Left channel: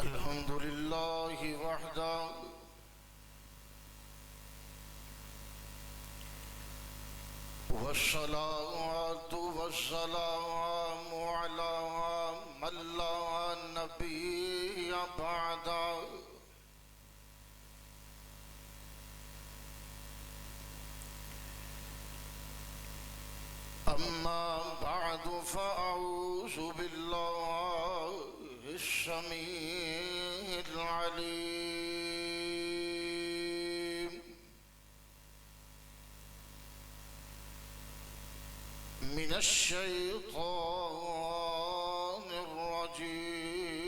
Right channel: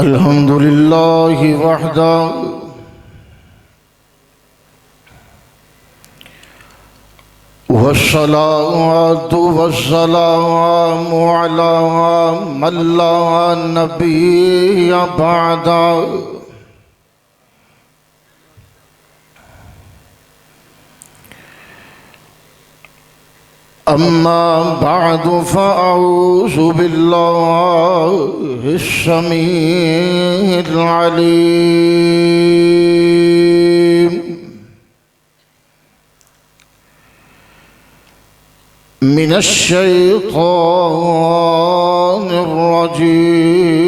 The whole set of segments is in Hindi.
अल्हम्दुलिल्लाहि वहदा वस्सलातु वस्सलामु अला मन ला नबिय्य बअदा। अम्मा बअदु फ़अऊज़ु बिल्लाहि अस्समीइल अलीम मिनश शैतानिर रजीम।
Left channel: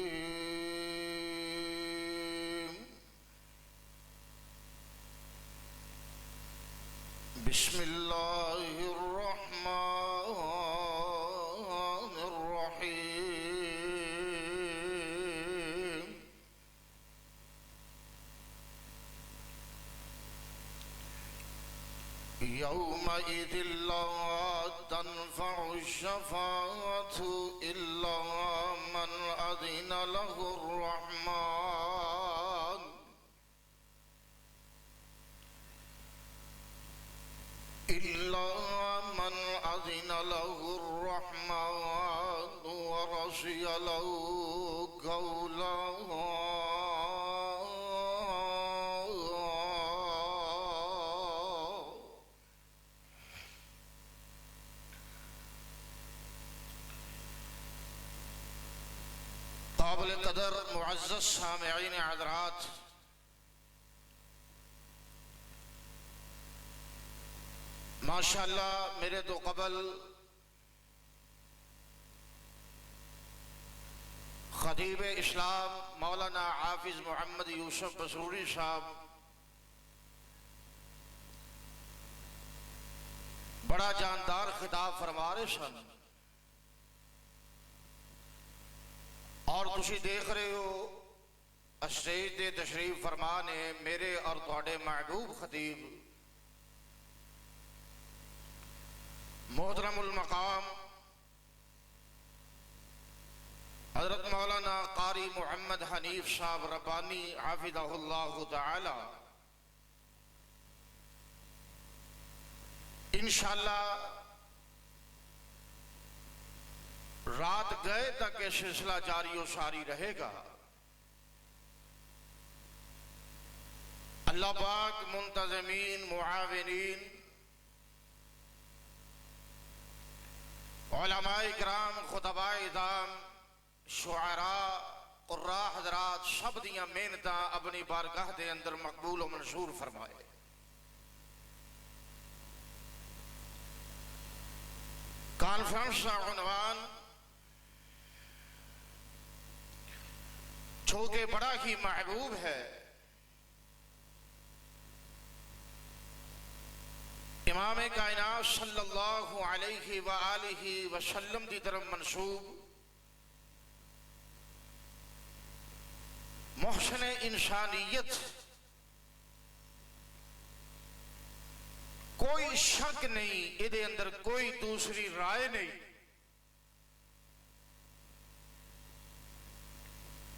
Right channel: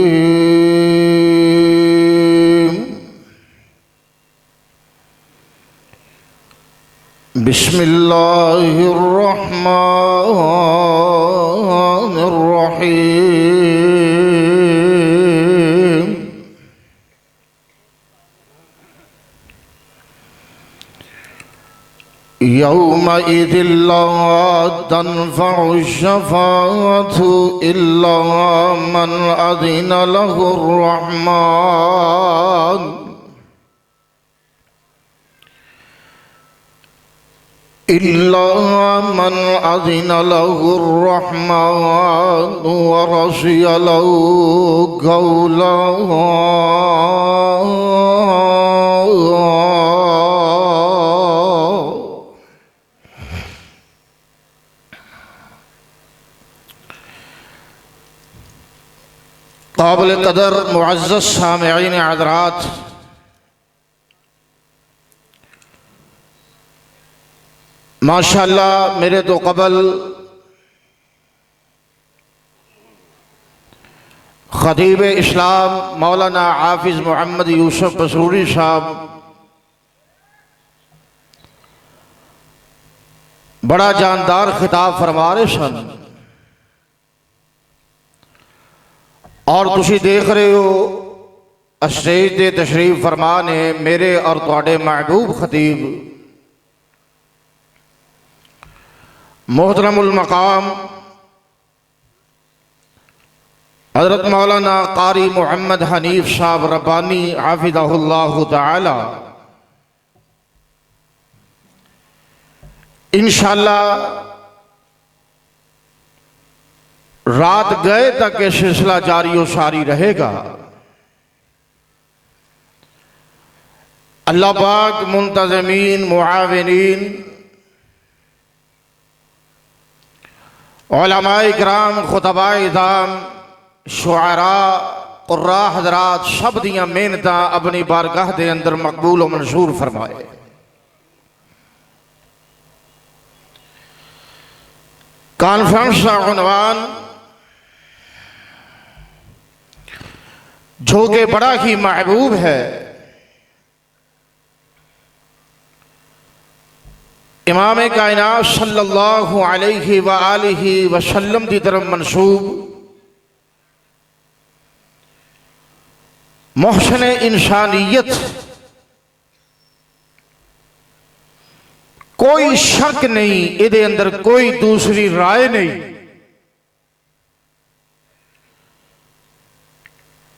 बिस्मिल्लाहिर रहमानिर रहीम। यौमइज़िन ला तनफ़उ शफ़ाअतु इल्ला मन अज़िन लहुर रहमान। इल्ला मन अज़िन लहुर रहमान व रज़िय लहु क़ौला। काबिल कदर मुअज़्ज़ज़ सामिईन हज़रात, माशाअल्लाह मेरे तो कबल खतीब इस्लाम मौलाना हाफिज मोहम्मद यूसुफ बसूरी साहब बड़ा जानदार खिताब फरमा रहे सन और तुसी देख रहे हो स्टेज ते तशरीफ फरमा ने मेरे और तुहाडे महबूब खतीब मोहतरमुल मकाम हज़रत मौलाना कारी मोहम्मद हनीफ साहब रब्बानी हाफिज़हुल्लाहु तआला इंशाअल्लाह रात गए तक ये सिलसिला जारी व सारी रहेगा। अल्लाह पाक मुंतज़मीन मुआविनीन उलमाए इकराम खुतबाए इज़ाम शुआरा कुर्रा हज़रात सब दियां मेहनतां अपनी बारगाह दे अंदर मकबूल व मंसूर फरमाए। कॉन्फ्रेंस का उन्वान जो कि बड़ा ही महबूब है, इमाम कायनात सल्लल्लाहु अलैहि व आलिहि वसल्लम की तरफ मंसूब मोहसन इंसानियत, कोई शक नहीं, इहदे अंदर कोई दूसरी राय नहीं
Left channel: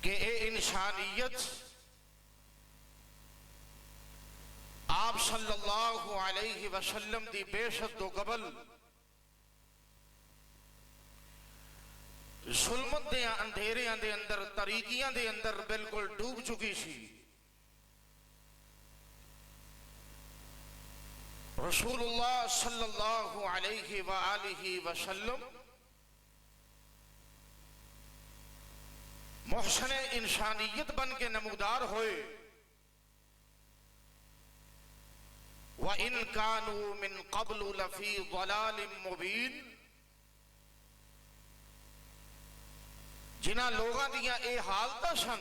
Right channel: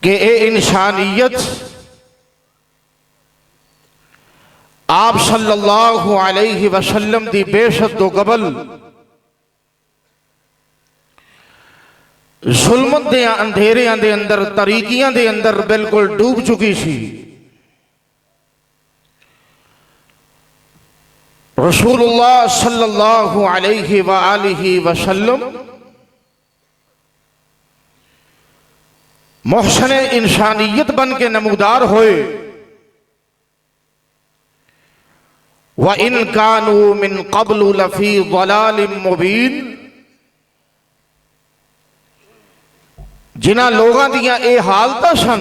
कि ये इंसानियत आप सल्लल्लाहु अलैहि वसल्लम दी बेशत तो कबल जुल्मत दे अंधेरियां दे अंदर तरीकियां दे अंदर बिल्कुल डूब चुकी सी। रसूलुल्लाह सल्लल्लाहु अलैहि व आलिहि वसल्लम मोहसन इंसानियत बन के नमूदार होए। व इन कानू मिन क़ब्लु लफ़ी ज़लालिम मुबीन, जिन्हां लोगां दियां ये हालतां सन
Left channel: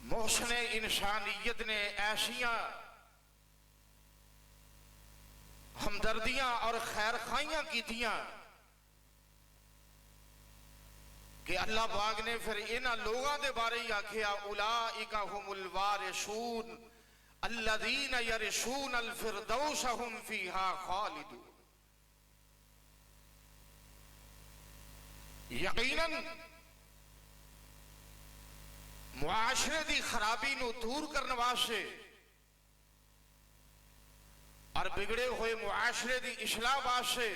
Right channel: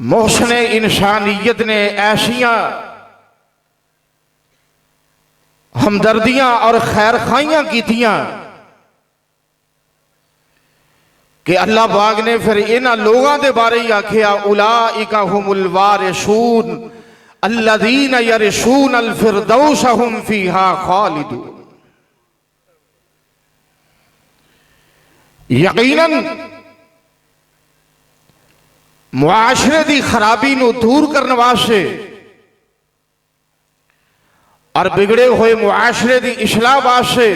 मोहसन इंसानियत ने ऐसियां हमदर्दियां और खैर खाइयां कीतियां कि अल्लाह पाक ने फिर इन्हां लोगों के बारे ही आखिया उलाइका हुमुल वारिसून अल्लज़ीना यरिसून अल फिरदौस हुम फीहा खालिदून। यकीनन मुआशरे दी खराबी नू दूर करने वास्ते और बिगड़े हुए मुआशरे दी इस्लाह वास्ते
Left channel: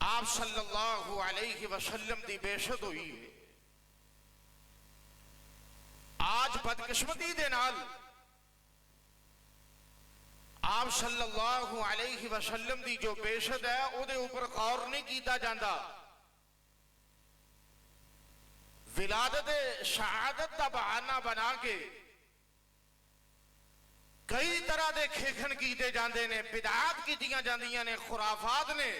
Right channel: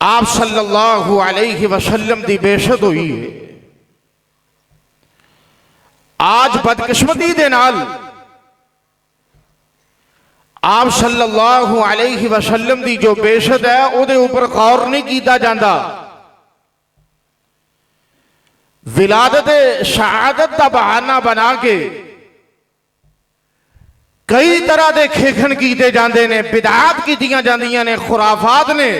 आप सल्लल्लाहु अलैहि वसल्लम दी बेशत हुई है। आज बदकिस्मती दे नाल आप सल्लल्लाहु अलैहि वसल्लम दी जो बेशत है उहदे ऊपर गौर नहीं किया जाता। विलादत शहादत का बहाना बना के कई तरह के खेखन किए जाते हैं, बिदात की जांदियां ने, खुराफात ने।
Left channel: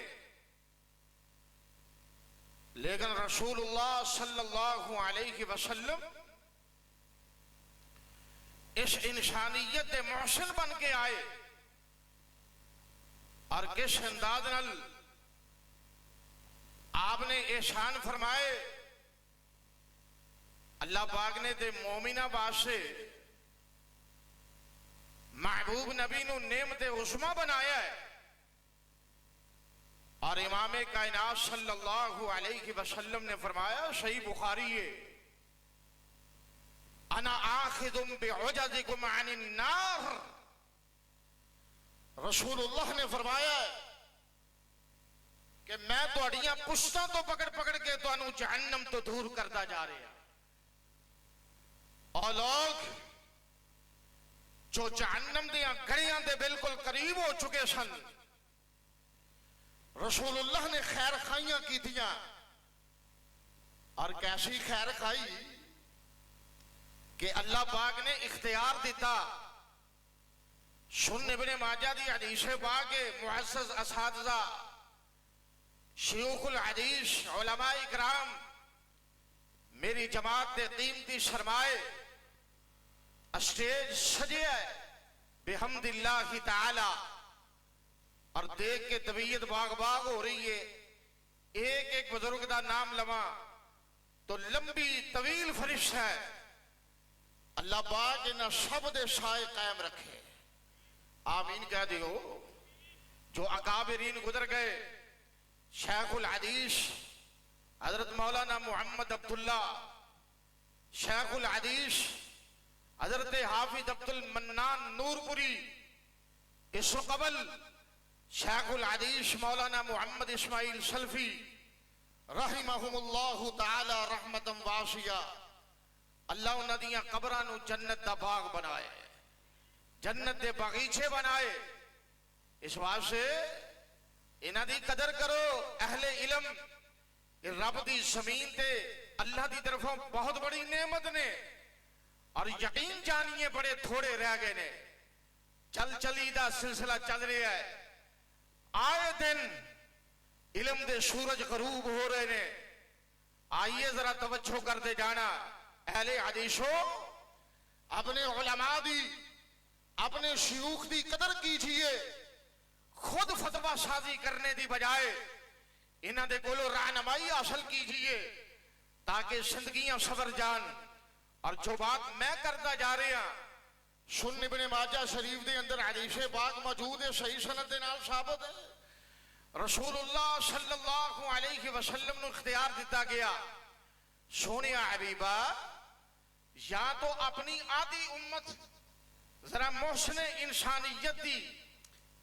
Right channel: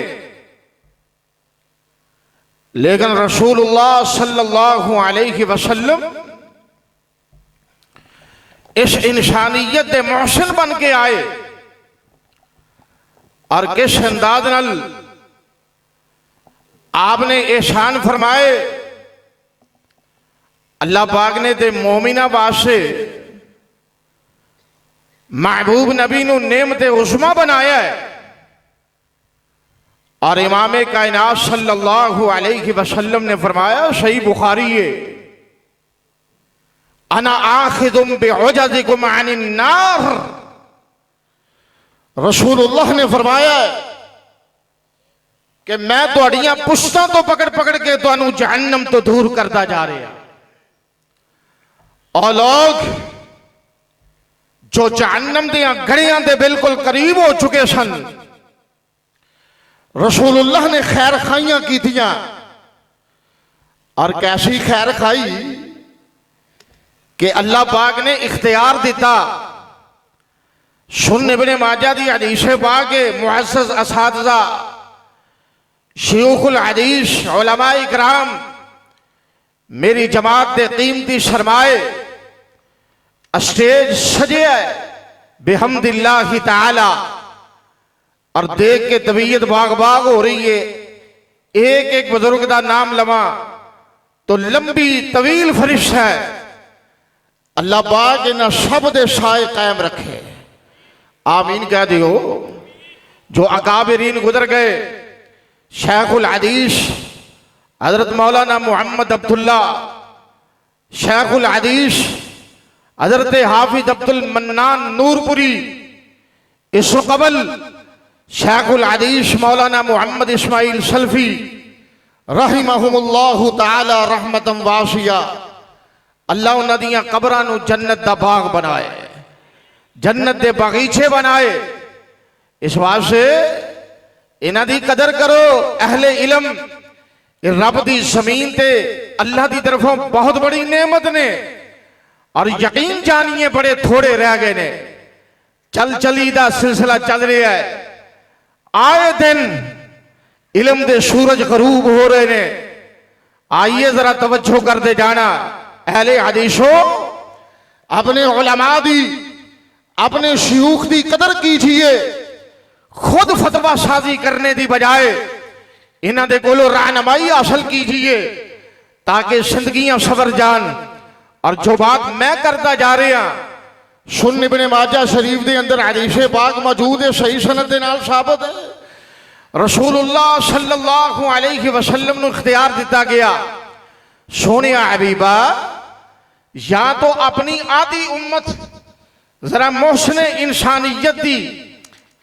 लेकिन रसूलुल्लाह सल्लल्लाहु अलैहि वसल्लम इस इंसानियत के मोहसिन बन के आए और किस अंदाज नाल आपने एहसान फरमाए। अल्लाह पाक ने ते मोमिना वास्ते महबूब नबी नू नेमते उस्मा बनाया है और इमाम कायनात सल्लल्लाहु अलैहि वसल्लम ने फरमाया, सही बुखारी है, अना आखिदुम बिउजदिकुम अनिन नार। रसूलुल्लाह ने फरमाया कि मैं तुहाड़ियां पुश्तां तो पकड़ पकड़ के तुहानू जहन्नम तो दूर करता जा रहा। और लोग जो जहन्नम दियां गड़ियां दे बिल्कुल करीब हो चुके सन, रसूलुल्लाह ने खैर खाइयां कीतियां। और कैसी खैर खाई कि अल्लाह पाक ने इख्तियार दिता। सुन इब्ने माजा दी हदीस पाक के मुअज़्ज़ज़ असातिज़ा शयूखुल हदीस उलमा इकराम मेरी जमात दे कीमती सरमाए स्टेज सजे है बिहम्दिल्लाहि ताला और देख के तबीयत बाग बाग हो रही है। एक एक बुजुर्ग का नाम लवा तो लंबी तवील फरिश है। अल्लाह पाक इन्हां सब दे साए कायम रखे, आमीन कह दियो। जो अकाबिरीन गुजर गए, शेखुल हदीस हजरत मौलाना मोहम्मद अब्दुल्ला, शेखुल हदीस हजरत हाफिज अब्दुल मन्नान नूरपुरी, इस कबल शेखुल हदीस मौलाना मोहम्मद इस्माइल सल्फी रहिमहुमुल्लाहु ताला रहमतन वासिया। अल्लाह उन्हां दियां कबरां नूं जन्नत दा बाग बनाए, जन्नत दे बगीचे बनाए। इस वास्ते इन्हां दी कदर करो। अहले इलम रब दी जमीन ते अल्लाह दी तरफों बहुत बड़ी नेमत ने और यकीन जानिए बड़े थोड़े रह गए ने। चल चली दा सिलसिला चल रहा है। आए दिन इलम दे सूरज गरूब हो रहे ने। आइए जरा तवज्जो करते जाना। अहले हदीसो, अपने उलमा दी, अपने शयूख दी कदर कीजिए। खुद फतवा साजी करने की बजाय इन्हां दे कोलों रहनुमाई हासिल कीजिए ताकि जिंदगियां सवर जान। और जो बात मैं करता जा रहा, सुन इब्ने माजा शरीफ के अंदर हदीस पाक मौजूद है, सही सनद के नाल साबित है। रसूलुल्लाह सल्लल्लाहु अलैहि वसल्लम नूं इख्तियार दिता गया, सोने हबीबा या तो अपनी आधी उम्मत जरा मोहसिन इंसानियत दी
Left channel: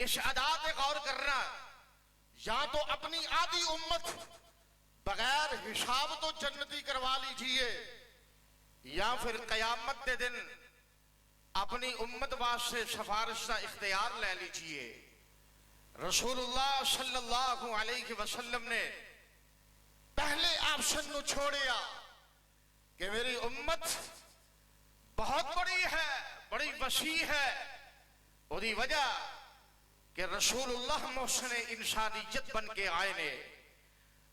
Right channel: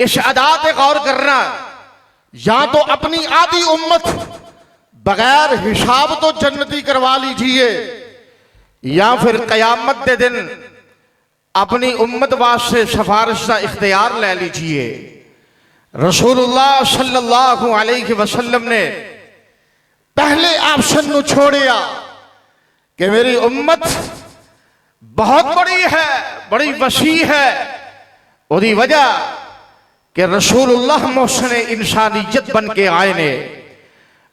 इस अदा पे गौर करना, या तो अपनी आधी उम्मत बगैर हिसाब तो जन्नती करवा लीजिए, या फिर कयामत के दिन अपनी उम्मत वास्ते सिफारिश का इख्तियार ले लीजिए। रसूलुल्लाह सल्लल्लाहु अलैहि वसल्लम ने पहले ऑप्शन को छोड़िया कि मेरी उम्मत बहुत बड़ी है, बड़ी वसी है। उसकी वजह कि रसूलुल्लाह मोहसिन इंसानियत बन के आए ने।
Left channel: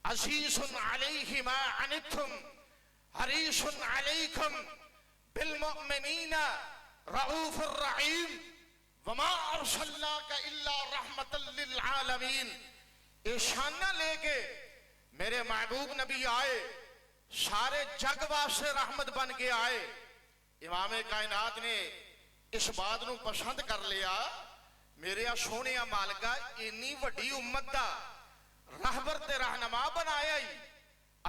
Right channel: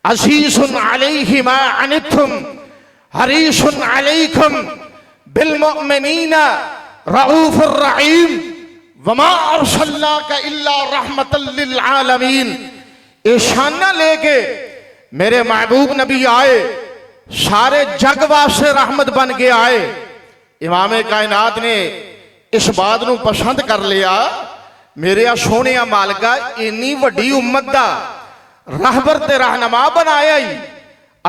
अज़ीज़ुन अलैहि मा अनित्तुम हरीसुन अलैकुम बिल मुमिनीना रऊफुर रहीम वमा अरसलनाका इल्ला रहमतल लिल आलमीन। ईशाना लेके मेरे महबूब नबी आए, सारे जग वास्ते रहमत बन के आए। इमाम कायनात ने इस बात को पसंद कर लिया, मेरे सोने मालिका इन्नी वड्डी उम्मत का रहबर ते रहनुमा बनाया ही,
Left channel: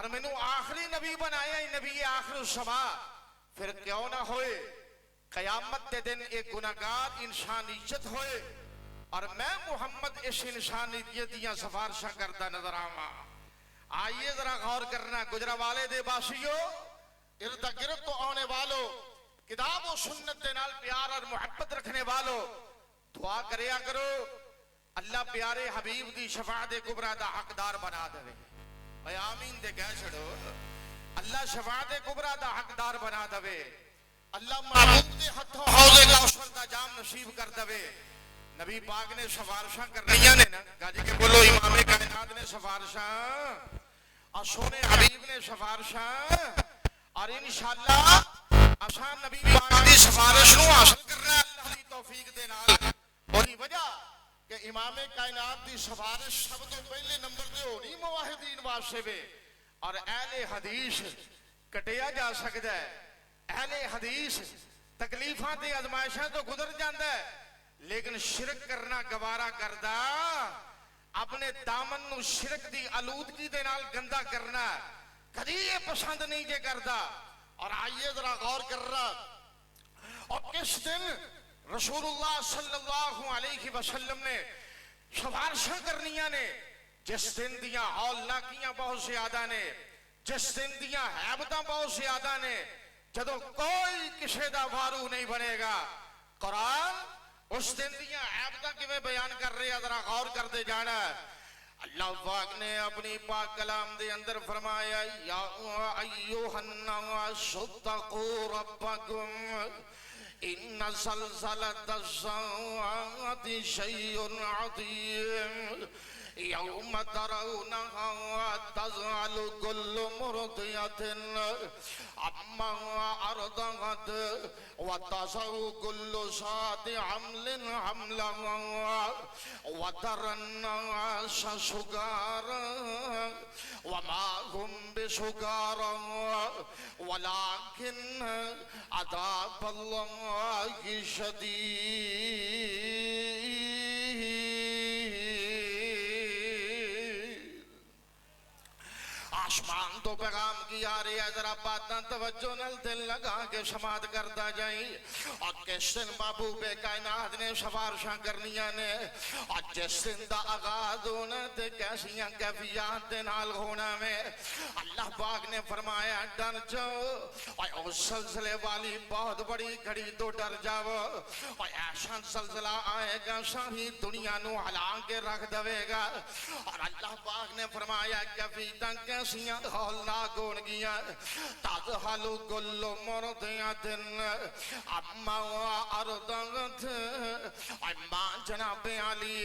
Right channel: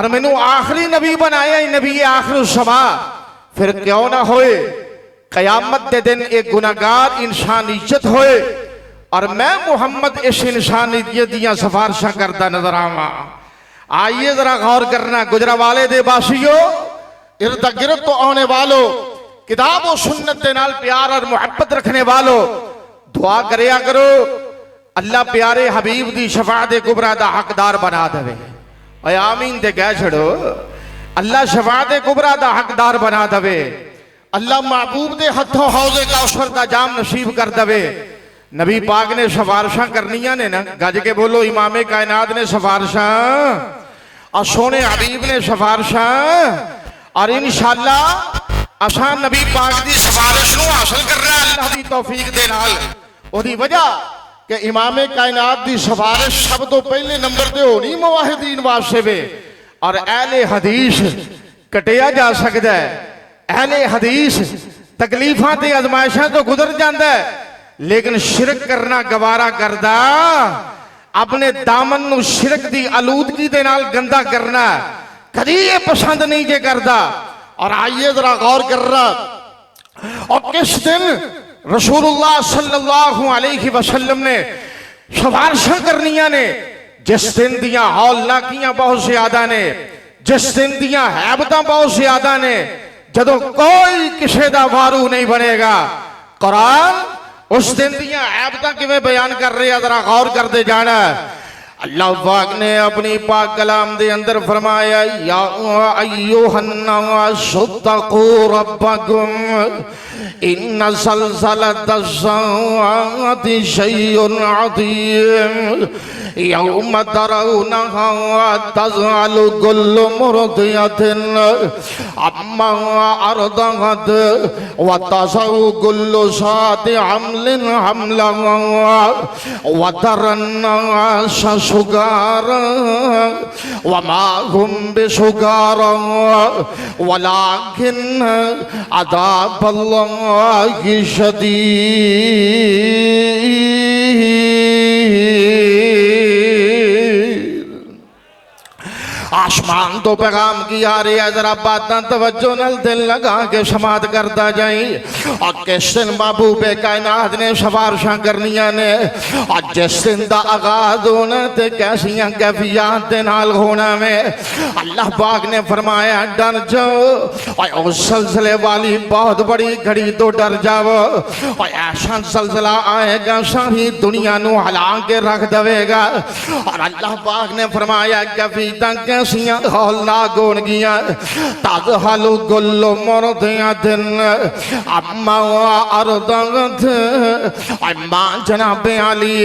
और मैनू आखिरी नबी बनाया ही नबी आखिर समा, फिर क्यों ना होए कयामत के दिन एक गुनाहगार इंसानियत होए और मैं मुहम्मद इस इंसानियत दियां सिफारिशां करता नजर आवा। आइए जरा गौर करना, गुजरावाले दे बासियों, इर्द गिर्द तो आने वालों, किताब और सुन्नत के नाल प्यार और मुहब्बत रखने वालों, दुआ करया करो अल्लाह प्यारे हबीब दी शफाअत कुबरा दा हकदार बना देवे। ओए आमीन ते कह छड़ो, अल्लाह शफाअत कुबरा दा हकदार बना देवे। अल्लाह महबूब दे हथों हौज़े कौसर दा जाम नसीब कर देवे। नबी पाक ने सिफारिशां करनियां ने ना, गज के बोलो, इमामे कायनात ने सिफारिशां और सोने हबीब ने सिफारिशां, और इंशाअल्लाह असां नबी पाक दी सिफारिश नूं हासिल करना अल्लाह दी तौफीक दे नाल। ओदी वजह कि इमामे कायनात दी सिफारिश सब तो पहले नंबर ते होनी मुवाहिदीन वास्ते वे, और अहले हदीस कटिया जा सकता है। अहले हदीस तकलीफां ते आजमाइशां तो गुजर जाता है, लेकिन शिरक करना गवारा करदा, अपने दामन नूं शिरक दी आलूदगी दे नाल गंदा करना कदी ये पसंद नहीं जे करदा। और आइए जरा गौर करना, और किस दिन रसूलुल्लाह सल्लल्लाहु अलैहि वसल्लम ने सिफारिशां करनियां ने, जिस दिन दियां हौलनाकियां बहुत ज्यादा ने, जिस दिन दियां हैबतां बहुत ज्यादा ने, जदों कोई किसी दा वारू नहीं बनेगा। कुरान उस दिन दियां हैबतां किवें बयान कर रहे हैं, जरा गौर करते जाना। अल्लाह पाक ने अपनी पाक कलाम दे अंदर फरमाया, या अय्युहन्नासु तक़ू रब्बकुम इन्ना ज़ल्ज़लतस्साअति शैउन अज़ीम यौम तरौनहा तज़अलु कुल्लु मुर्दियतिन अम्मा अर्दअत व तज़अु कुल्लु ज़ाति हम्लिन हम्लहा व तरन्नास सुगारा व मा हुम बिसुगारा वलाकिन अज़ाबल्लाहि शदीद। आसमान तो पैगाम की आ रही है, जरा बातें तवज्जो नल दिल लगा के समात करता जाई। और किस दिन महबूब कायनात ने सिफारिशां करनियां ने, और जिस दिन दा आगाज होना ते कैसियां कैफियत दे नाल होना में, अल्लाह पाक ने फरमाया डर जाओ, और उस सिलसिले वाली बहुत बड़ी घड़ी तो डर जाओ, और ऐसा सिलसिला आएगा सारी दुनिया नू हिला के रख देगा। और अल्लाह पाक ने फरमाया कैफियत कैसियां हौलनाक होनगियां, तज़हलु कुल्लु मुर्दियतिन अम्मा अर्दअत, और मां जनाबे आली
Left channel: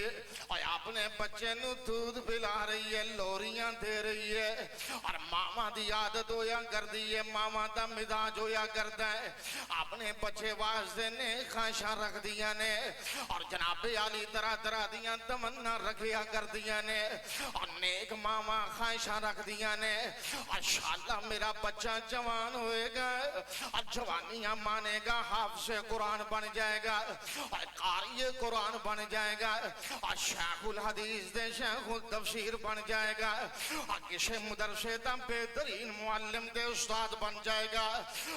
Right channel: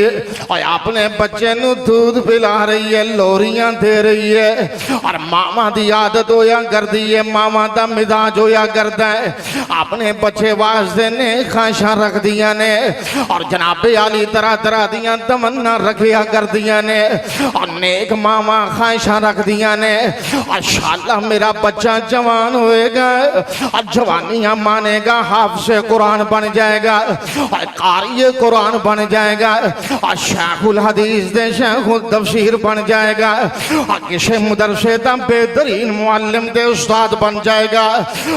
और अपने बच्चे नू दूध पिला रही है, लोरियां दे रही है। और मामा दी आदत होया करदी है, मामा दा मिजाज होया करदा है, अपने बच्चे वास्ते ने ख्वाहिशां रख दियां ने, और जनाबे आली तरह तरह दियां तमन्ना रखिया करदियां ने। और नेक मामा ख्वाहिशां रख दियां ने, इंशाअल्लाह मेरा बच्चा जवान होएगा और जवानियां मानेगा, हाफिज़े कुरान बन जाएगा और कारी कुरान बन जाएगा और शेखुल हदीस दे शेखुल तफसीर बन जाएगा और किसी मदरसे का बेहतरीन मुअल्लिम दे उस्ताद बन जाएगा।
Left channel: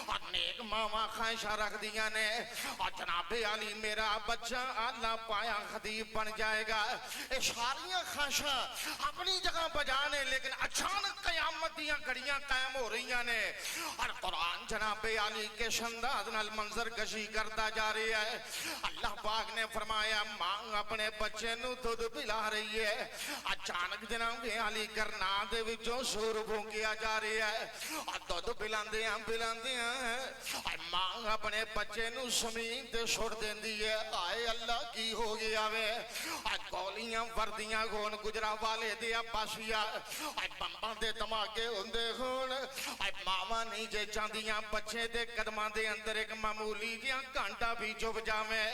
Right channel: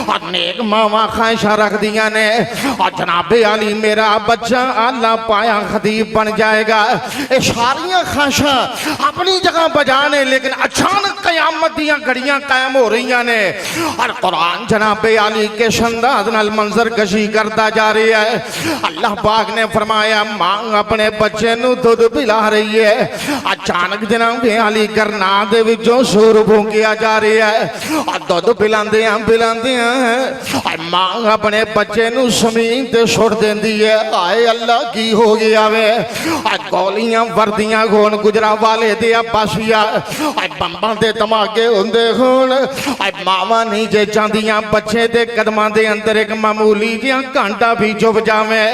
और नेक मामा ख्वाहिशां रख दिया ने, और जनाबे आली मेरा बच्चा आला पाया खतीब बन जाएगा। ये सारियां ख्वाहिशां अपनी जगह बजाने, लेकिन अचानक कयामत दियां घड़ियां कायम हो रही ने और कुरान जनाबे आली के अंदाज नाल मंजर कशी करता जा रही है। अल्लाह पाक ने फरमाया मां अपने बच्चे नू दूध पिला रही है, अचानक जनाबे आली करना दे विचों सुर फूंकिया जा रही है और दूध पिलांदियां पिलांदियां मां अपने बच्चे नू जमीन ते सुट देंदी है। आए अल्लाह की हो गया वे, गोलियां वर्दियां होन गुजरावाले दे पासिया बंबां दे धमाके होंदे होन, मावां नहीं जे चाहदियां बच्चे दे कदमां दे अंदर एक मामूली जिहा घंटा भी चुभ जावे,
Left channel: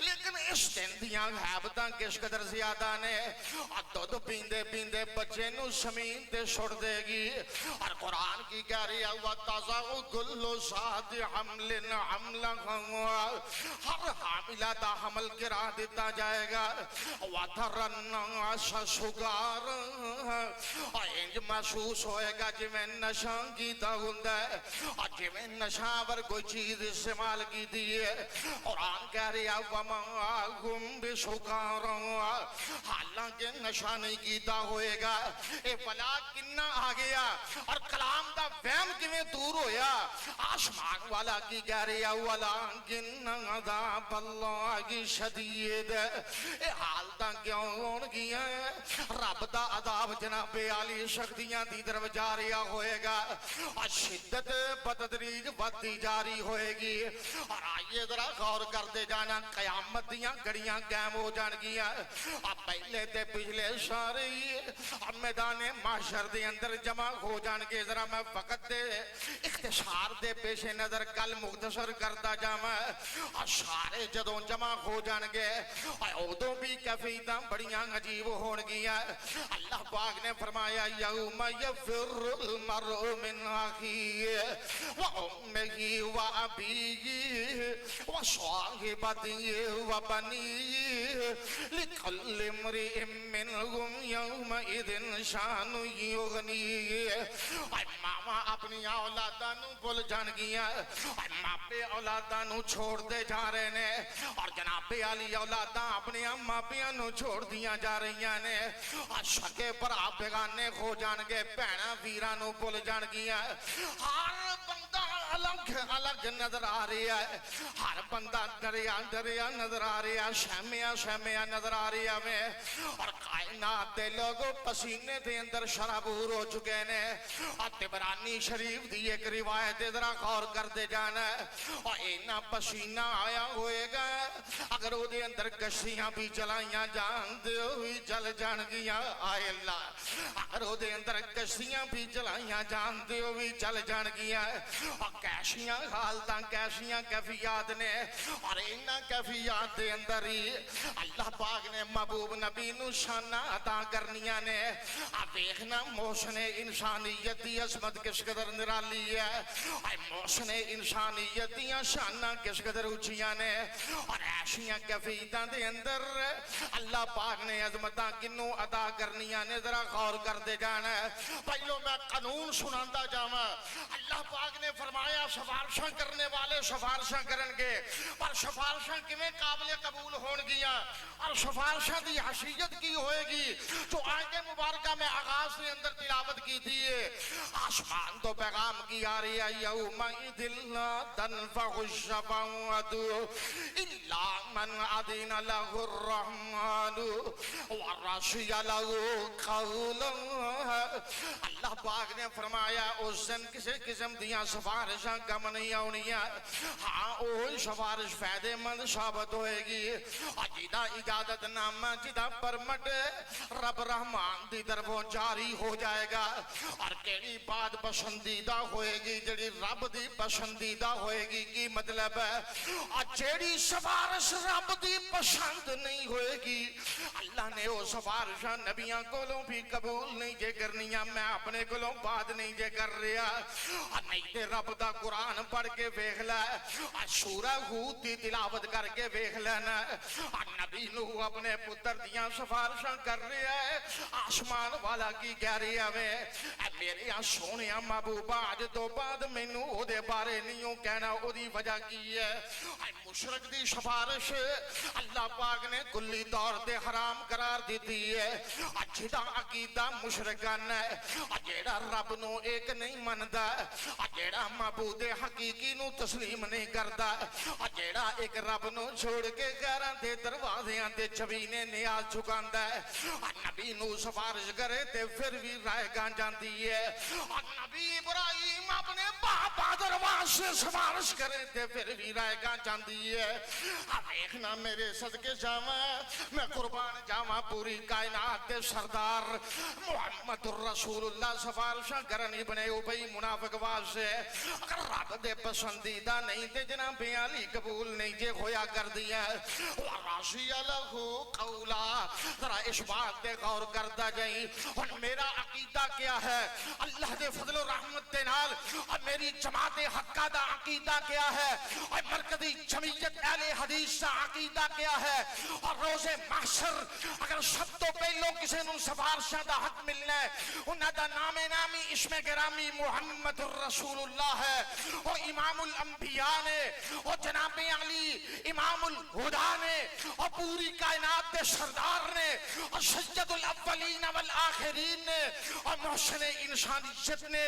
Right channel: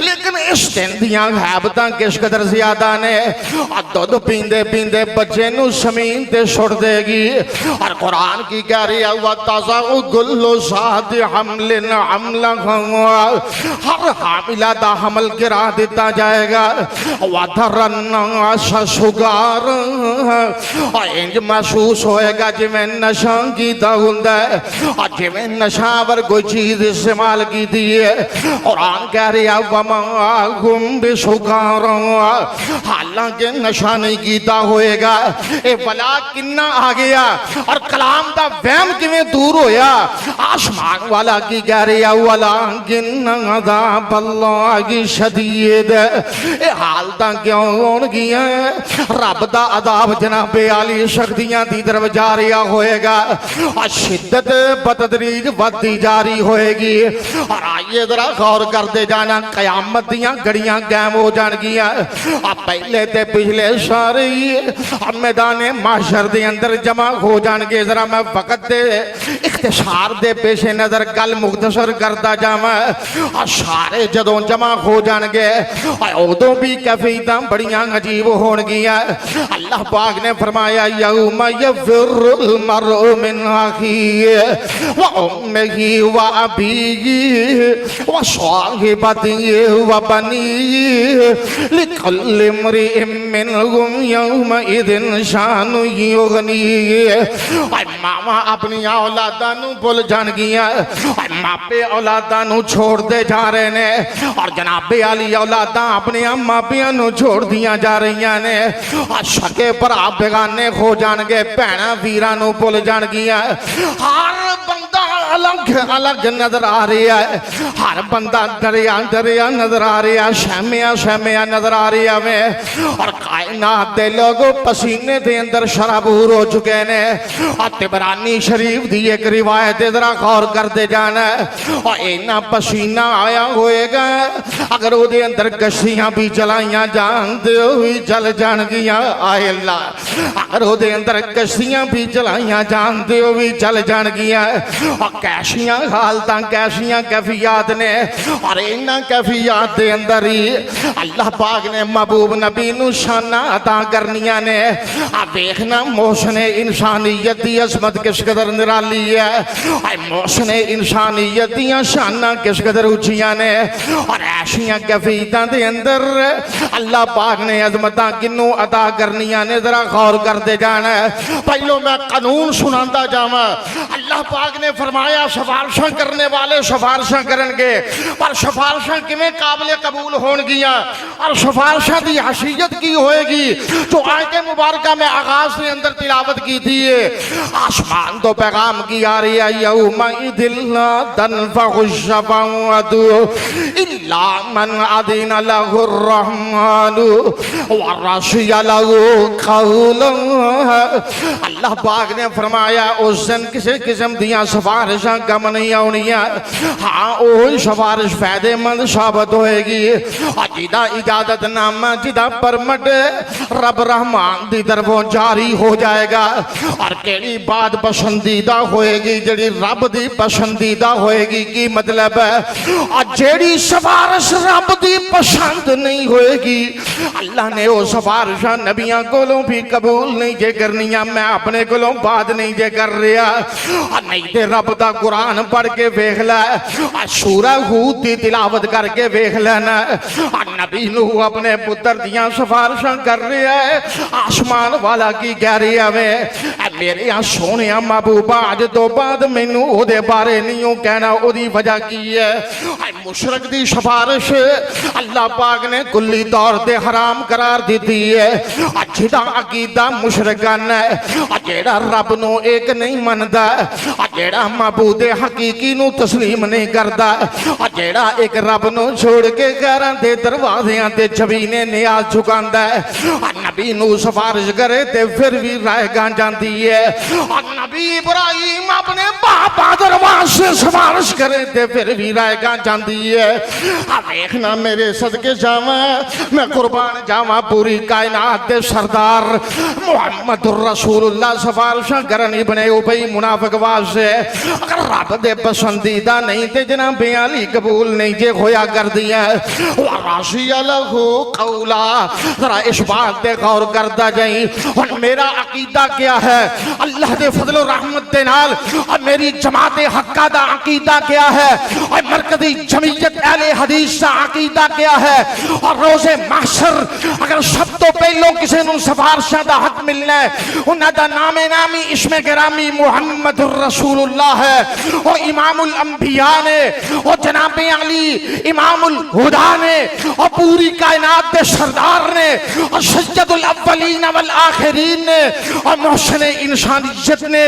लेकिन इस दिन दियां हैबतां किस कदर ज्यादा ने। दूध पींदे पींदे बच्चे नू जमीन ते सुट देगी और कुरान की कह रही है व तज़अु कुल्लु ज़ाति हम्लिन हम्लहा, हर हामिला दा हमल गिरा दिता जाएगा। व तरन्नास सुगारा, इंज महसूस महसूस होएगा जिवें नशा कीता हुंदा है और जिवें नशा पर कोई चीज इस्तेमाल की दी है। कुरान कह रहा वमा हुम बिसुकारा, हालांकि नशा नहीं कीता होएगा। ए बला किन्ना आ गया और कलाम दा वहम किवें दूर होया। आसमान वाला की कह रहा वाला किन्ना अज़ाबल्लाहि शदीद, ए हालतां क्यों होणगियां? रब दा अज़ाब जनाबे आली शक्तियां दी तरफ जा रहा होएगा और शिद्दत बतदरीज बढ़ती जारी होएगी। और आइए जरा गौर करते जाना, कयामत दियां घड़ियां कायम हो जाणगियां। पहले ते पिछले सारे मैदाने माशर दे अंदर जमा हो जाणगे। जरा मैं वक्त दे इख्तिसार दे पेशे नजर गल मुख्तसर करता जावां। और सारे जदों जमा हो जाणगे उदों भी कैफियतां बड़ियां अजीब होणगियां। अल्लाह पाक ने फरमाया यौमा यफ़िरुल मरउ मिन अखीहि व उम्मिही व अबीही व साहिबतिही व बनीही लिकुल्लि इम्रिइन मिनहुम यौमइज़िन शानु युग़नीही। मामा अपनी औलादां नूं भुल जाणगियां, मापे औलादां नूं छोड़ते जा रहे ने और जनाबे आली औलादां अपने मापियां नूं छोड़ दियां जा रही ने। सके भरा बेगाने हो जाणगे, भैणां वीरां नूं भुल जाणगियां। हर बंदा अलग अलग नजर आ रहा है, हर बंदा डरिया डरिया नजर आ रहा है, शहमिया शहमिया नजर आ रहा है। और कायनात दे लोग पसीने दे अंदर शराबूर हो चुके ने। और तिबरानी शरीफ दी एक रिवायत जरा गौर करते जाना। और इन्ना पसीना आया होएगा अगर उहदे अंदर कश्तियां भी चलाइयां जान ते भी चल जाणगियां। आए अल्लाह, अगर उहदे अंदर कश्तियां भी चलाइयां जान ते भी चल जाणगियां। और कैसियां हालतां कैसियां कैफियत ने। और इन्ना कैफियत दे अंदर ही अल्लाह पाक ने महबूब नबी नूं शाना अता करनियां ने। आ देखना मोहसने इंसानियत दी अजमत किस कदर निराली है। मोहसने इंसानियत दियां शाना किस कदर उचियां ने। और ऐसियां कैफियतां दे अंदर अल्लाह पाक ने अजमतां किन्नू अता करनियां ने, जरा गौर करते जाना। पहलो मैं कानून सुनांदा जावां। अल्लाह पाक ने फरमाया सिफारिशां करने वाले सिफारिशां करनगे, पर सिफारिशां किवें काबिल कबूल होणगियां और सिफारिशां दी हैसियत की होएगी जो आयत मुबारका में आगाज के अंदर तिलावत की थी। आसमान तो पैगाम की आ रही है यौमइज़िन ला तनफ़उ शफ़ाअतु इल्ला मन अज़िना लहुर रहमानु व रज़िया लहू क़ौलन। अल्लाह पाक ने फरमाया उस दिन किसी किस्म दियां सिफारिशां कम नहीं आउणियां। हाँ वही सिफारिश फायदेमंद साबित होएगी। जिदा इजाजतनामा जिदा परमट रब रहमान दी तरफों जारी हो जाएगा। और केड़ी बात पसंदीदा होएगी जेड़ी रब दी पसंदीदा होएगी। की मतलब है और जेड़ी सिफारिश रब दी पसंद नहीं होएगी अल्लाह ने वो सिफारिशां नबियां कोलों भी कबूल नहीं जे करनियां। मैं अपने कोलों बात नहीं जे कर रहा। नहीं ते रब दा कुरान पढ़ के वेख लै, सूरा हूद दी तिलावत करके वेख लेना। नबी नूह अपने पुत्र दियां सिफारिशां कर रहा है। आसमान वाला की कह रहा है मेरे सोने महबूबा अज तो बाद मैनू ओदे बारे नहीं कहना। ओदी वजह की है मुशरक दी सिफारिश अल्लाह पाक ने कुल्ली तौर ते हराम करार दी है। जिहदा अकीदा मुशरकाना है, जेड़ा रब नू एक नहीं मनदा, जेड़ा माबूद हकीकी नू तस्लीम नहीं करता, जेड़ा एक रब नू छोड़ के गैरां दे दरवाज़ियां ते जबीने नियाज झुकांदा है। नबी नू सिफारिश करे ते फिर भी राह गां जांदी है। नबी इब्राहिम अपने बाप दरबार से सिफारिश करे ते फिर भी राह गां जांदी है। देखना मेरे सदके जावा, मैं कुर्बान जावा पूरी कायनात दे सरदार मुहम्मदुर रसूलुल्लाह सिफारिशां करन इब्ने उबई मुनाफिक वास्ते अगर रब दे पसंदीदा नहीं ते जनाब अली कबूल नहीं जे होया कर दिया। रज़िया लहू क़ौला, जरा इस बात पे गौर करता जाई। और मेरा अकीदा क्या है, अल्लाह दे फजल और रहमत दे नाल और मेरी जमात हक्का दा अकीदा क्या है और मरकजी जमीयत अहले हदीस दा अकीदा क्या है। और रोज़े महशर अगर सब तो पहलों किसी नूं सिफारिशां दा हक मिलना है उन्हां दा नामे नामी इस्मे गिरामी मुहम्मदुर रसूलुल्लाह है। और इमामुल अंबिया ने और जनाबे अली इमामुल हुदा ने और पूरी कायनात के सरदार ने और सज्जदुल अव्वलीन वल आखिरीन ने और मोहसिन इंसानियत ने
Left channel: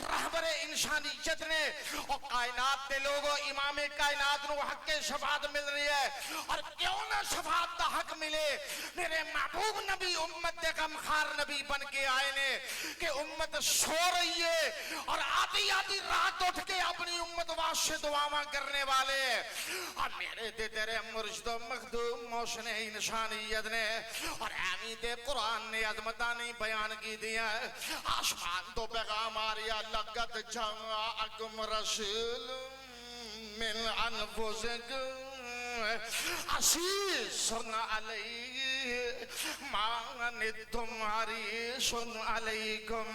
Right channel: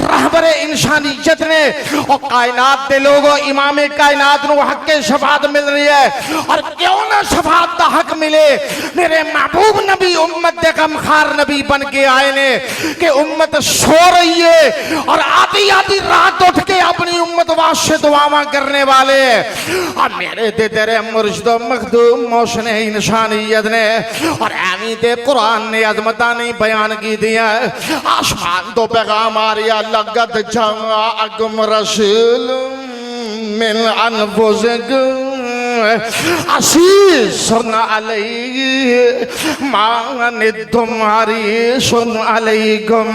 रहबर इंसानियत ने और कायनात के लोगों इमाम कायनात को हक के शफात मिल रही है। और क्यों ना शफात का हक मिले, मेरे महबूब नबी उम्मत के गमखार नबी बन के आए ने कि उम्मत सो रही है और आधी आधी रात उठ के अपनी उम्मत वास्ते दुआवां करने वाले। और मेरे दे तेरे मुर्शिद मखदूम मोहसिन इंसानियत ने और एवी ते कुरान ने अजमता नहीं बयान की दिया। आसमान तो पैगाम आ रहा लगत जाअकुम रसूल मिन अनफुसिकुम अज़ीज़ुन अलैहि मा अनित्तुम हरीसुन अलैकुम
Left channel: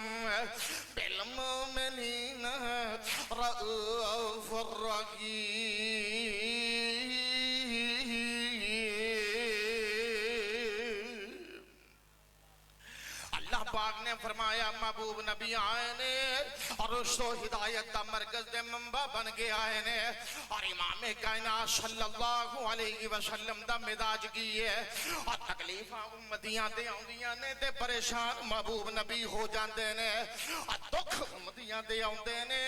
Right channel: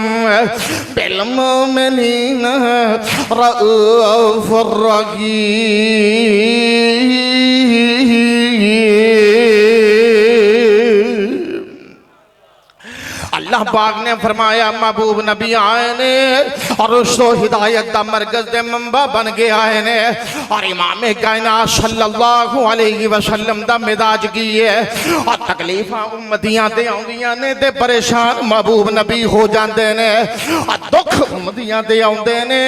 बिल मुमिनीना रऊफ़ुर रहीम। अल्लाह पाक ने फरमाया महबूब नबी आए ने और उसको हिदायत का मरकज दे मंबा बन के आए ने और इमाम कायनात सल्लल्लाहु अलैहि वसल्लम दा मिजाज की है। और तकलीफां उम्मतियां ते आउंदियां ने ते परेशान महबूब नबी हो जाते ने और दुख उम्मतियां ते आउंदे ने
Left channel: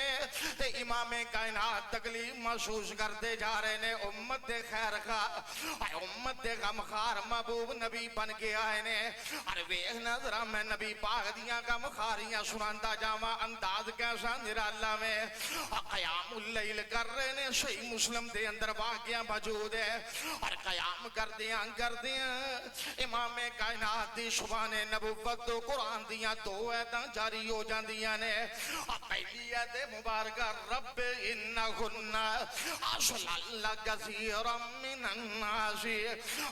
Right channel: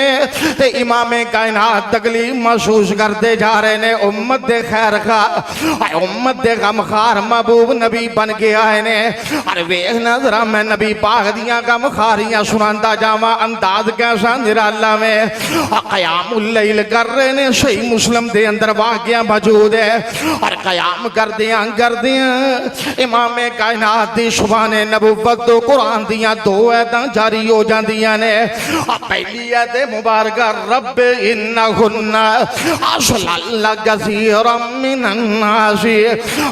ते इमाम कायनात तकलीफ महसूस करते जा रहे ने। उम्मत दे खैर खा उम्मत दे गमखार महबूब नबी बन के आए ने। और वेख नजरा मैं नबी पाक दियां गमखारियां सुनांदा जावा अंदाज कैसा निराला में। क़यामुल लैल कर रहे ने, सही मुस्लिम दे अंदर वाक़या मौजूद है। और क़याम करदियां इमाम कायनात दी शुबाने नबुव्वत तो कुरान दियां दो आयतां जारी हो जांदियां ने। पहली आयत मुबारक रब इन्नहुन्ना अज़लल्न कसीरम मिनन नास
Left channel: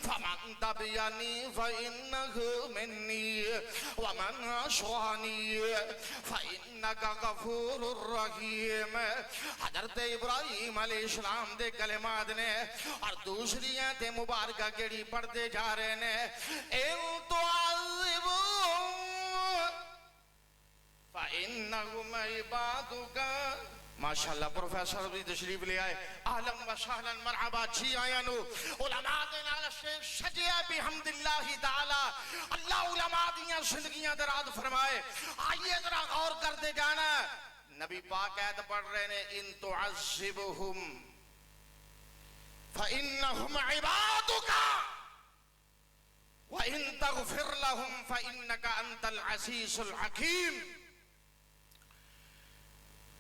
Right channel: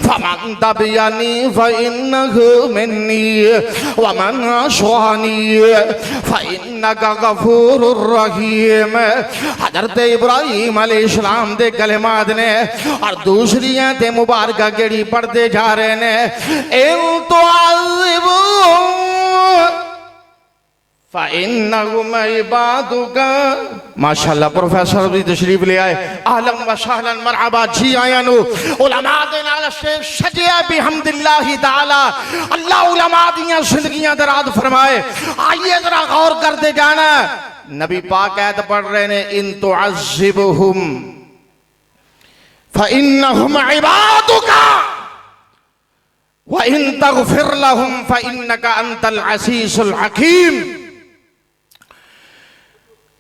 फमन तबिअनी फइन्नहु मिन्नी वमन असानी फइन्नका गफूरुर रहीम। हज़रत इब्राहीम अलैहिस्सलाम दे कलिमात ने। और दूसरी आयत मुबारक केड़ी पढ़ते जा रहे ने इन तुअज़्ज़िबहुम फ़इन्नहुम इबादुका। माशाअल्लाह प्रोफेसर भी तशरीफ ले आए। आहलन व सहलन मरहबा जी आया नु उलमा दे नाल शेख सजिया बिहम्दिल्लाहि ताला। अल्लाह उलमा दियां जिंदगियां दराज फरमाए। आइए जरा गौर करते जाना। नबी पाक आयत पढ़ रहे ने इन तुअज़्ज़िबहुम फ़इन्नहुम इबादुका व इन तग़फिर लहुम फ़इन्नका अंतल अज़ीज़ुल हकीम।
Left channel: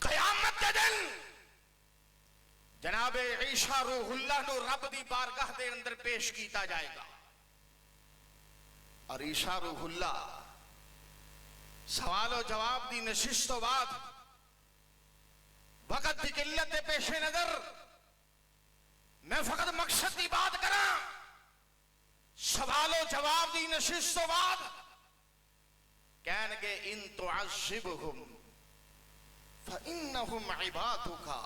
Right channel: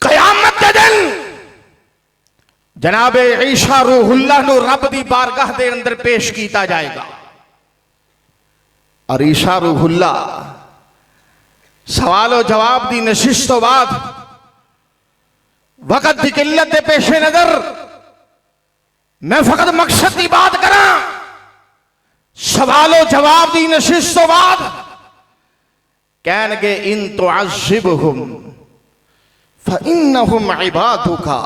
क़यामत के दिन जनाबे ईसा रूहुल्लाह नु रब दी बारगाह दे अंदर पेश किया जाएगा। और ईसा रूहुल्लाह सवाल और जवाब दी नशिश तो बाद वक़्त की किल्लत के पेशे नजर मैं फकत मकसद की बात करा। सवाल और जवाब दी नशिश तो बाद कहनगे इन तुअज़्ज़िबहुम फ़इन्नहुम इबादुका।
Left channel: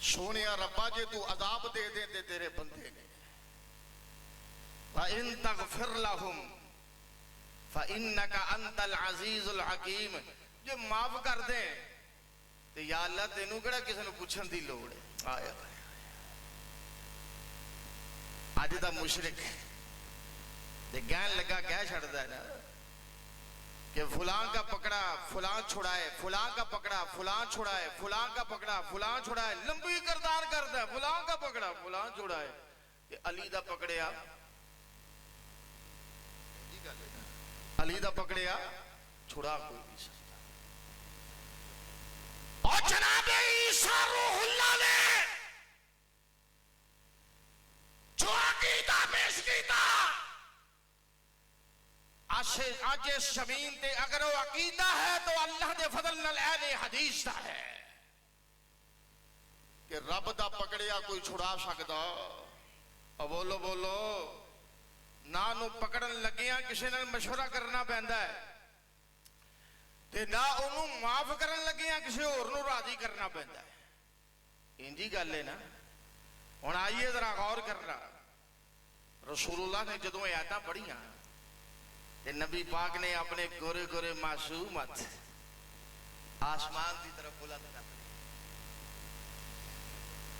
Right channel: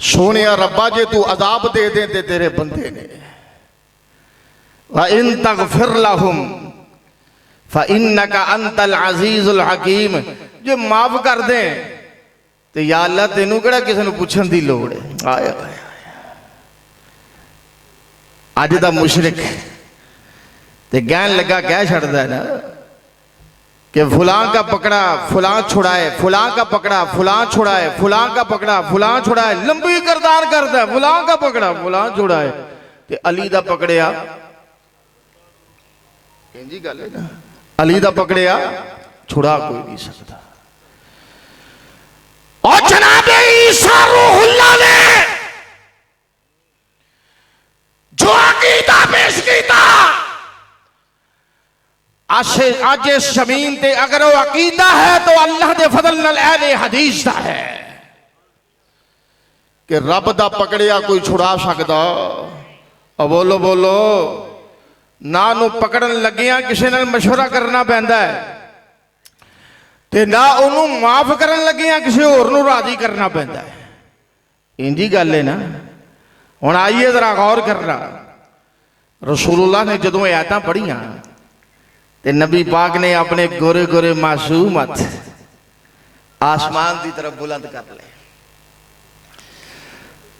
सोने रब्बा जे तू अजाब दे दे ते तेरे बंदे ने। व इन तग़फिर लहुम फ़इन्नका अंतल अज़ीज़ुल हकीम। जो माफ कर दे तो या अल्लाह तेनू केड़ा किसी नूं पुछण दी लोड़ है। आया अज दा मुशरिक ते कहन लगा कह छड़दा है ना कि फलां का पकड़ा फलां छुड़ाए, फलां का पकड़ा फलां छुड़ाए, फलां का पकड़ा फलां छुड़ाए। लंबी करदार करता है फलां का पकड़ा फलां छुड़ाए ते अली दा पकड़िया इंजी गल है ना। अली दा पकड़िया छुड़ा कोई नहीं सकता। और जनाबे ईसा रूहुल्लाह ने जो अकीदा पेश किया आज इस जमीन ते अगर वो अकीदा है तो अल्लाह दे फजल नाल अहले हदीस दा है कि रब दा पकड़िया कोई छुड़ा सकदा। और बोलो बोलो ना नू पकड़न लगिया किसी नाल मशवरा करना पैंदा है। ते ना उन्होंने माफ करन लगिया किसी होर नूं राजी करना पैंदा है। इंजी गल है ना। हुण आइए जरा गौर करना, रसूलुल्लाह ने जदों आयतां पढ़ियां ते नबी पाक ने अपने गोरे गोरे मासूम हथ आसमान की तरफ बुलंद कर ले।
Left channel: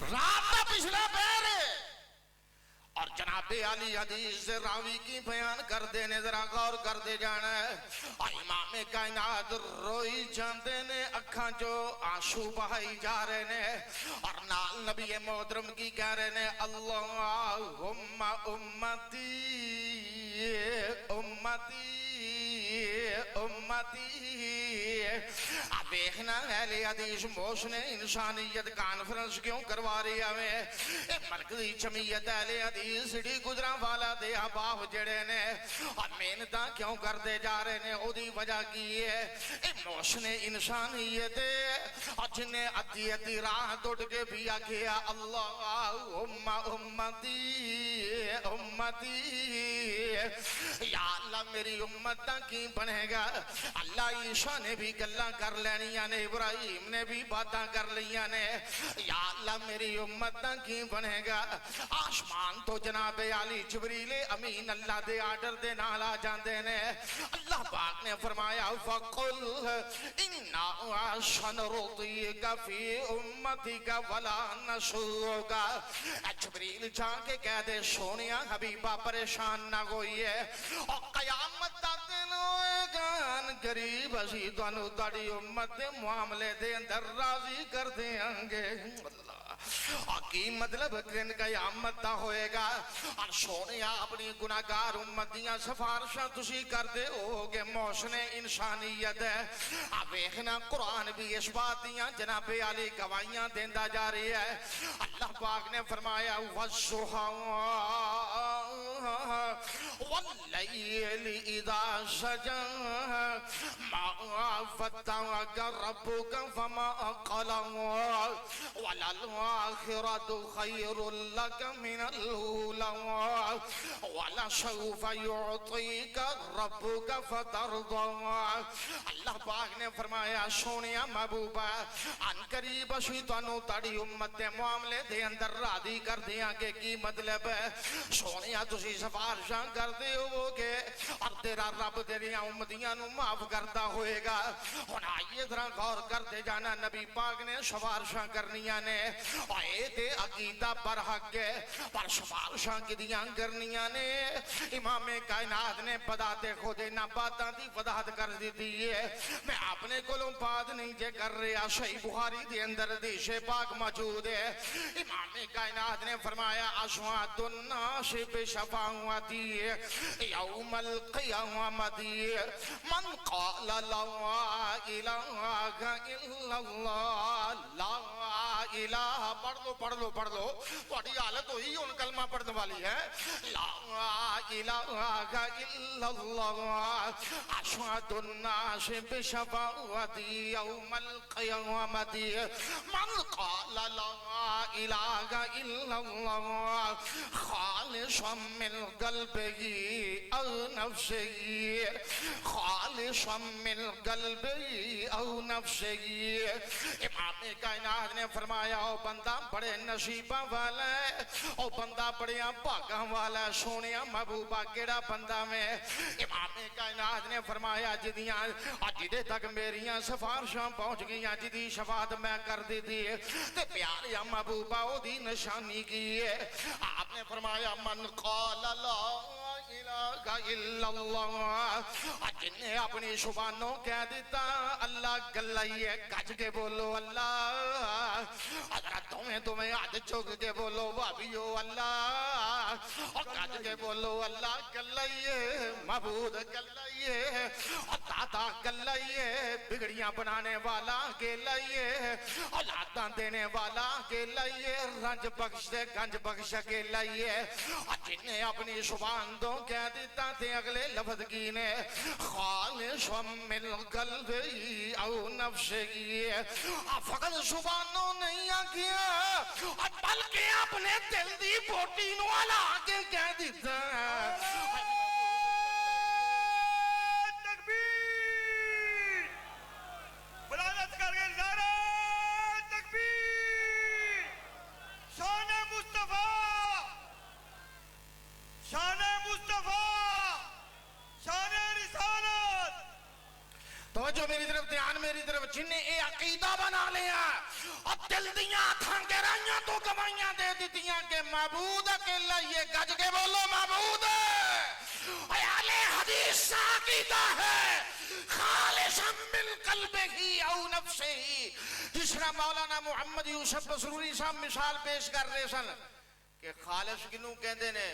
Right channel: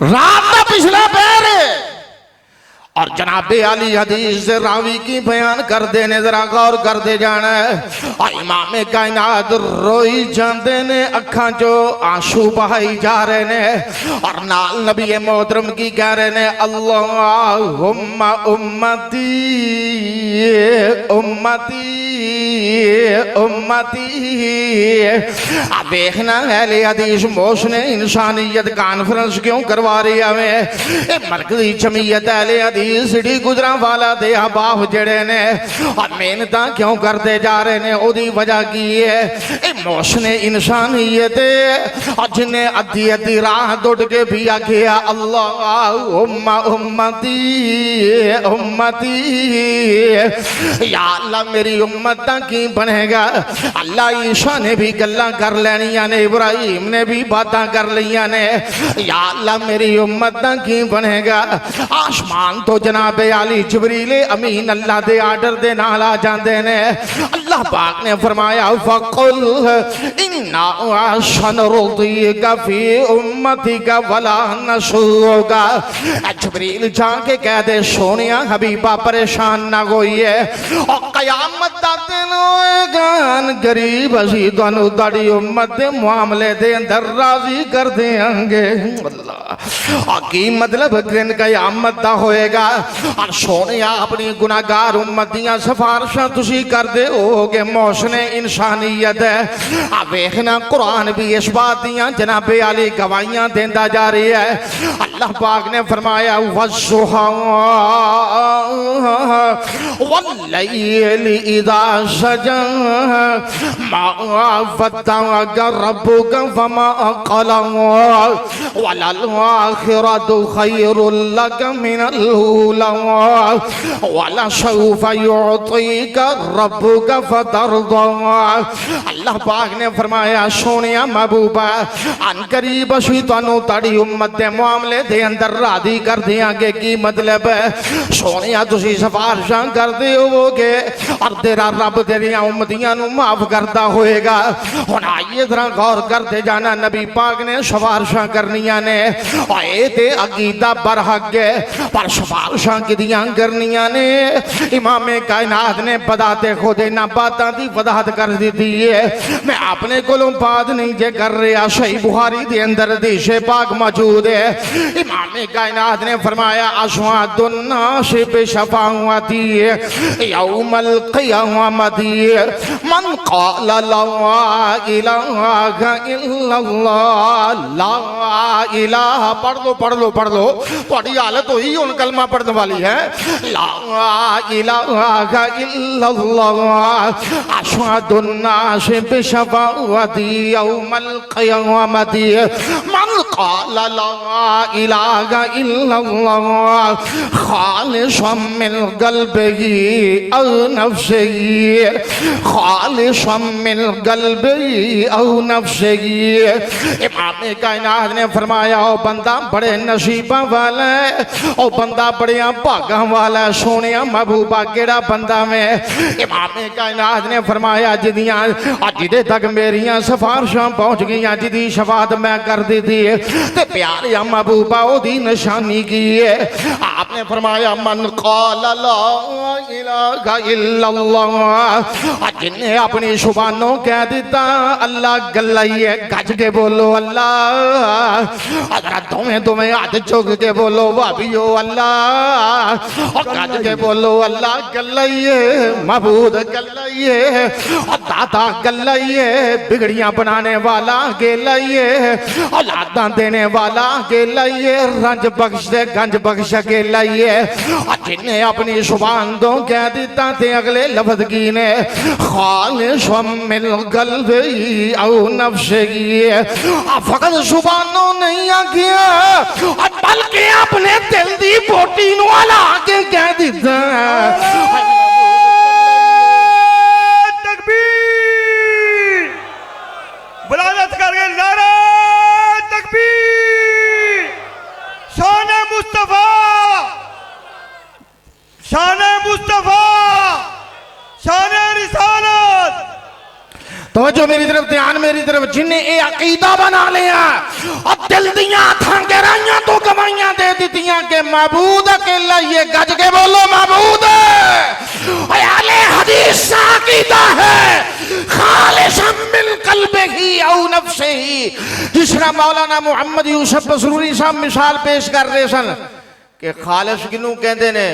रात का पिछला पैर और जनाबे आली हदीस से रावी की बयान कर देने, जरा गौर कर दे जाना है। और इमाम कायनात रोई जाते ने, अखा चो आंसू बहाई जा रहे ने और नाल नबी मोहतरम की कह रहे ने, अल्लाहुम्मा उम्मती उम्मती उम्मती। अब देखना अहले हदीस मोशने इंसानियत कॉन्फ्रेंस क्यों करवा रही है। मरकजी जमीयत अहले हदीस सिटी गुजरा वाला दे अहबाब जड़े ने और मेहनत क्यों करते जा रहे ने, ओदी वजह की है मोशने इंसानियत और जिन्हें अद्धी अद्धी राह दौड़ के भी आखिया अल्लाहुम्मा उम्मती उम्मती। या अल्लाह मेरी उम्मत दा की बनेगा। अल्लाह ईशा ने भी गल्लां कर लैनियां ने, इब्राहिम ने भी बातां कर लिया ने। या अल्लाह मेरी उम्मत दा की बनेगा। आसमान तो जनाबे आली जिब्रील अमीन अल्लाह दे आर्डर दे नाल आ जांदे ने। अल्लाह पाक ने फरमाया फकुल इन्ना सनरुदीका फी उम्मतिका वला नसूगा। जिब्रील जाके कह दे सोनिया हबीबा परेशान ना होइए और कयामत दा दिन होएगा गरीब असी तुहानू तुहाडी उम्मत दे मामले दे अंदर राजी कर देंगे। अल्लाह की मतलब दिन कयामत दा होएगा और सोने अपनी गुनाहगार उम्मत दियां सिफारिशां तुसी करदे होगे। मौसने इंसानियत है। आ वेखना कुरान भी इस बात दियां जनाबे आली गवाहियां देंदा जा रही है। अल्लाह पाक ने फरमाया वस्सुहा वल्लैलि इज़ा सजा मा वद्दअका रब्बुका वमा क़ला वलल आखिरतु खैरुल लक मिनल ऊला वलसौफ युअतीका रब्बुका फतरदा। अल्लाह पाक ने फरमाया सोनिया महबूबा अन करीब असीं तुहानू तुहाडी उम्मत दे मामले दे अंदर राजी कर देंगे। की मतलब है सोनिया तुसीं सिफारिशां करदे होवोगे और तेरा रब तेरियां उम्मतियां नू माफ करता होएगा। हुण आइए जरा गौर करते जाना, नबी पाक ने सिफारिशां करनियां ने और ये ते अकीदा बरहक है पर सिफारिशां किदियां करनियां ने। इमाम कायनात ने बदाते खुद इन्हां बातां दी वजाहत कर दी है। मैं अपने कोलों बात नहीं जे कर रहा, सही बुखारी दे अंदर हदीस पाक मौजूद है। इमाम कायनात ने फरमाया अशवादुन नास बिशफाअती यौमल क़ियामती मन क़ाला ला इलाहा इल्लल्लाह। ला इलाहा पढ़ लो थोड़ी हालत हुई हुण कलमा पढ़ने वाली है। ला इलाहा इल्लल्लाह अशहादुन नास बिशफाअती यौमल क़ियामती मन क़ाला ला इलाहा इल्लल्लाह खालिसन मिन क़ल्बिही औ नफ्सिही खालिसन मिन क़ल्बिही औ नफ्सिही। इमाम कायनात ने फरमाया ओ बंदा बड़े नसीबा वाला है, ओ बंदा बड़े भागा वाला है। सोने महबूबा केड़ा बंदा में। इमाम कायनात ने फरमाया जिदियां जिदे तक मेरियां सिफारिशां पहुंच गई, जिदी शफात मैं कर दी थी ते प्यारे महबूबा ओदी निशानी की है। आपने फरमाया मन क़ाला ला इलाहा इल्लल्लाह, जिन्हें अपनी जुबानों कह दिता अल्लाह गल्लाइए गज के बोलो अल्लाह। अगर दोवें हाथ चुक के बोलो भाभीओ अल्लाह, और गज के बोलो अल्लाह गल्लाइए महबूद गल्लाइए और दाता गल्लाइए बिगड़ियां बनाने वाला गेलाइए औलादा देने वाला गेलाइए रंज बख्श दे गंज बख्श के लाइए। जिन्हें अपनी जुबान दो कह दिता थे अगले लफ्ज की ने खालिसन मिन क़ल्बिही औ नफ्सिही। फकत जुबानों नहीं आखिया बल्कि अपने दिल दी बोटी नू हला के कह दिता। तवज्जो मेरी तरफ, ध्यान मेरी तरफ। जिन्हें ये अकीदा बना लिया और दिल दियां अखां गहराइयां तो गवाइयां दे दितियां कि महबूद अकेला, ये गज के बोलो महबूद अहले हदीस का अकीदा है खालिसन मिन कल्बिही औ नफ्सिही। जिस तरह मौलाना मुहम्मद यूसुफ बसरूरी साहब मिसाल पेश कर रहे सन कि खालिस किनू कहते ने,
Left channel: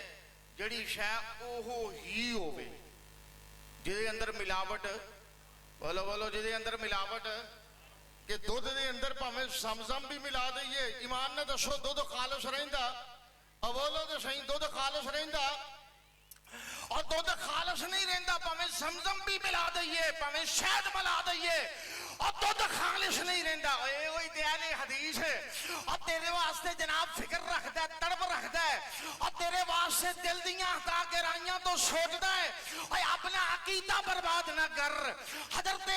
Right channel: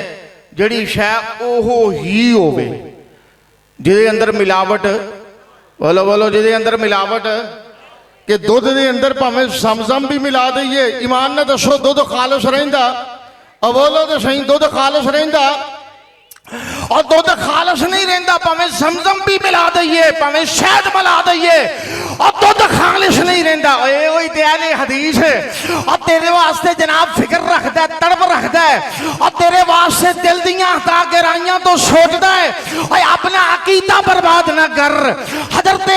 जड़ी शै ओहो ही होवे, जिहदे अंदर मिलावट, बोलो बोलो, जिहदे अंदर मिलावट, कि दुध दे अंदर भावें समझम भी मिला दईए, ईमान ने दसो दुध खालिस रहिंदा? और बोलो तो सही, दुध खालिस रहिंदा? और दुध खालिस नहीं रहता, भावें समझम भी मिला दईए, भावें शहद मिला दईए, और दुध खालिस नहीं रहता। वही त्याले हदीस है, और तेरे वास्ते जनाब फिक्र रखता है, तड़प रखता है, और तेरे वास्ते दिल दियां हता गहराइयां तो सोचता है, और अपना अकीदा बर्बाद ना कर। हजरत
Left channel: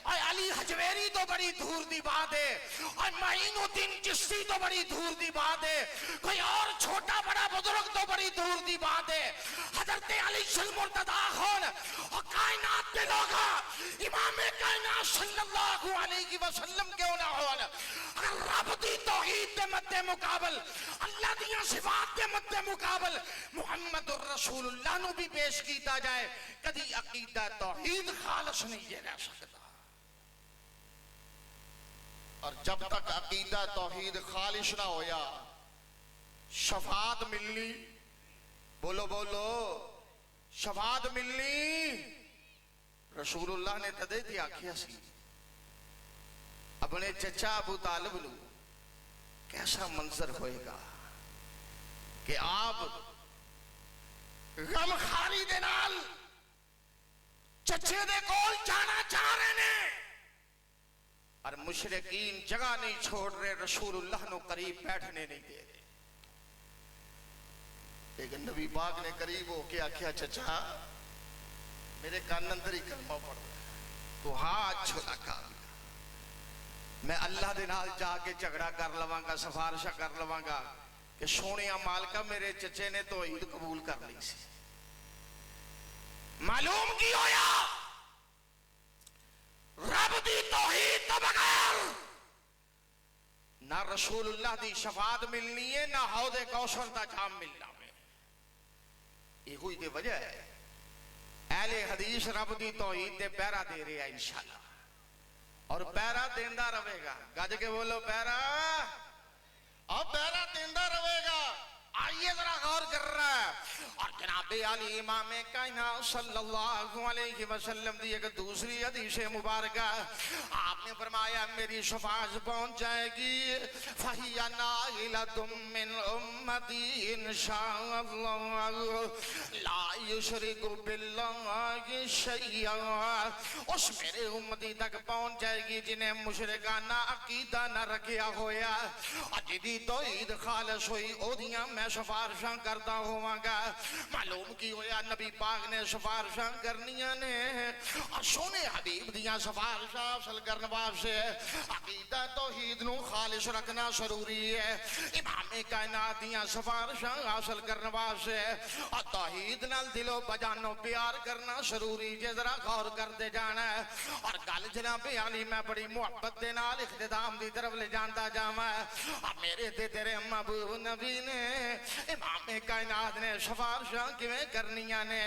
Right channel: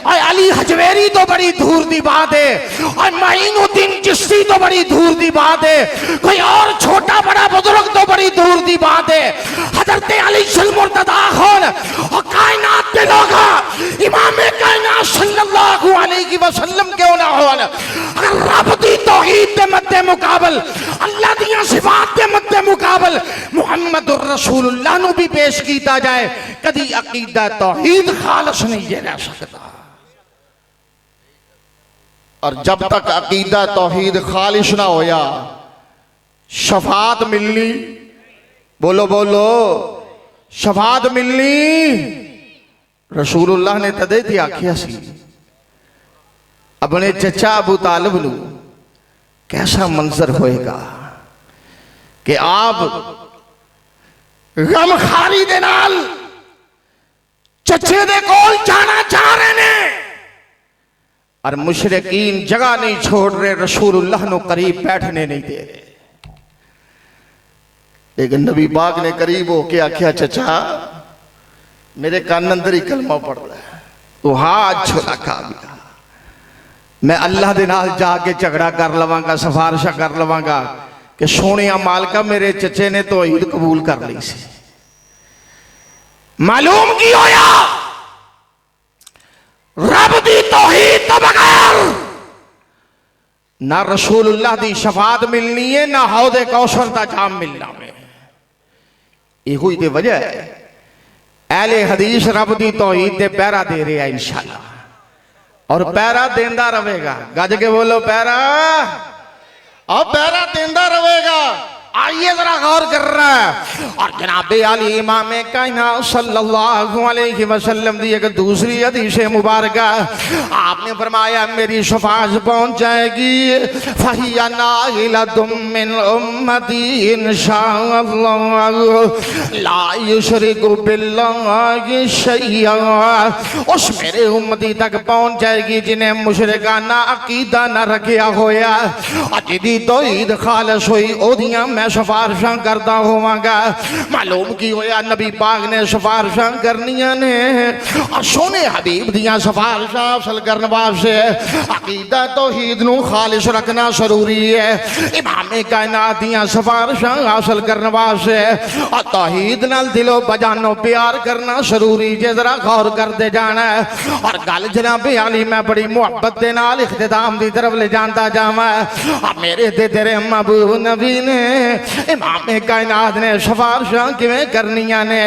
अली हजवेरी तो बड़ी दूर की बात है, और माइनुद्दीन चिश्ती तो बड़ी दूर की बात है, कोई और छोटा बड़ा बुजुर्ग तो बड़ी दूर की बात है। हजरत अली मुर्तदा खान और कायनात के लोग इमाम कायनात सल्लल्लाहु अलैहि वसल्लम क्यों ना हो, अगर रब दी तौहीद के मद्दे मुकाबल, अल्लाह दियां सिफात के मद्दे मुकाबल मुहम्मदुर रसूलुल्लाह नू भी पेश किया जाए, कदी अकीदा तौहीद खालिस नहीं रह सकता। और जब तक अकीदा तौहीद खालिस ना होया, शफात मिलनी, बोलो बोलो, शफात मिलनी रसूलुल्लाह ने तदे थी आखिया सी अपने चचा अबू तालिब नू, कैसा मंजर होएगा कि आप गमखारी दे नाल चचे दे कोल जाना चाह रहे ने और मुशरिकीन जगह नहीं छोड़ रहे, रसूलुल्लाह नू करीब बैठने नहीं दे रहे। लेकिन नबी पाक ने करीब होके आख्या, चचा मेरे कान अंदर ही कलमा पड़ रहा है, तू हाथ छोड़ा खा गया, मैं अल्लाह दे नाल जाके झगड़ा कर लवांगा, सिफारिशा कर लवांगा कि सोनिया मालका मेरे चचे ने तो ईद कबूल कर ली सी। मालूम की होया, रब दी तौहीद तो बगैर ना रसूलुल्लाह दी शफात मिलनी है, ना हौदे कौसर दा जाम मिलना है। यही तो वजह है अहले हदीस रब दी तौहीद दे पैरा दे रहे हैं इंशाअल्लाह, और पैरा देंदा रहेगा। गज के बोलो पैरा, और पैरा देंदा रहेगा। आइए जरा गौर कर रहा है। और जनाबे अली इमाम कायनात सल्लल्लाहु अलैहि वसल्लम दी एक दूसरी हदीस मुबारक, आपने फरमाया मेरी शफाअत पहुंच जाएगी, फहिया नाइलतुम मिन उम्मती इंशाअल्लाह ला युशरिकु बिल्लाहि शैया। उस मेरे उम्मती तक पहुंच जाएगी जिन्हें मुशरिकाना अकीदा न रखिया होया, जिहदी तौहीद खालिस होई ओदियां मैं सिफारिशां करदा होवांगा। मालूम की होया, नबी पाक ने सिफारिशां करनियां ने, और सोने हबीब दियां सिफारिशां हासिल करने वास्ते अकीदा तौहीद नू खालिस रखना जरूरी है। इमाम कायनात दियां सिफारिशां हासिल करने वास्ते और तौहीद नाल दिलो बजानो प्यार करना जरूरी जे, जरा गौर करते जाना है। और गल जनाबे अली मैं बड़ी मुहब्बत दे नाल इख्तिताम दी तरफ ले जांदा जावां। मेरे ते तेरे महबूब नबी ने, इमाम कायनात ने सिफारिशां किवें करनियां ने।